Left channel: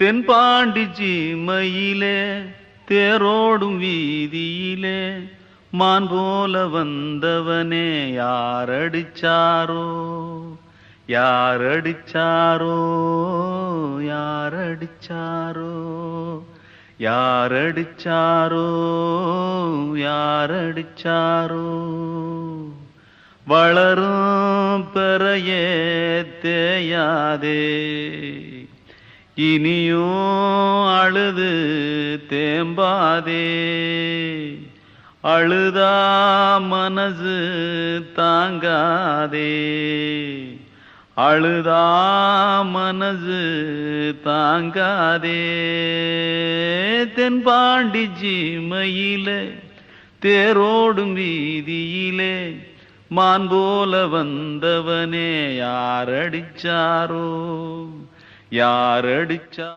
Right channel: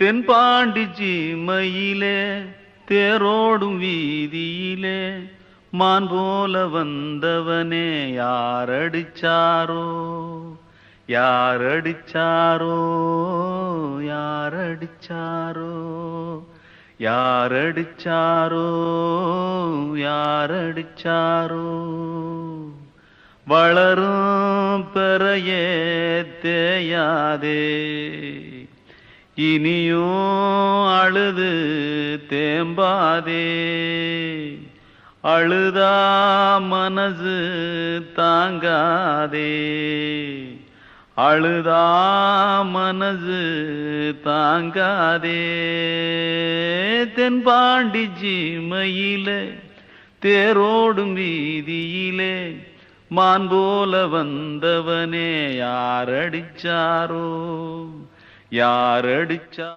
தென்பாண்டி சீமையிலே தேரோடும் வீதியிலே மான் போல வந்தவனே யாரடிச்சாரோ யாரடிச்சாரோ யாரடிச்சாரோ யாரடிச்சாரோ யாரடிச்சாரோ வளரும் பெறையே தேயாதே இனியும் அழுது தேம்பாதே அழுதா மனசு தாங்காதே அழுதா மனசு தாங்காதே தென்பாண்டி சீமையிலே தேரோடும் வீதியிலே மான் போல வந்தவனே யாரடிச்சாரோ யாரடிச்சா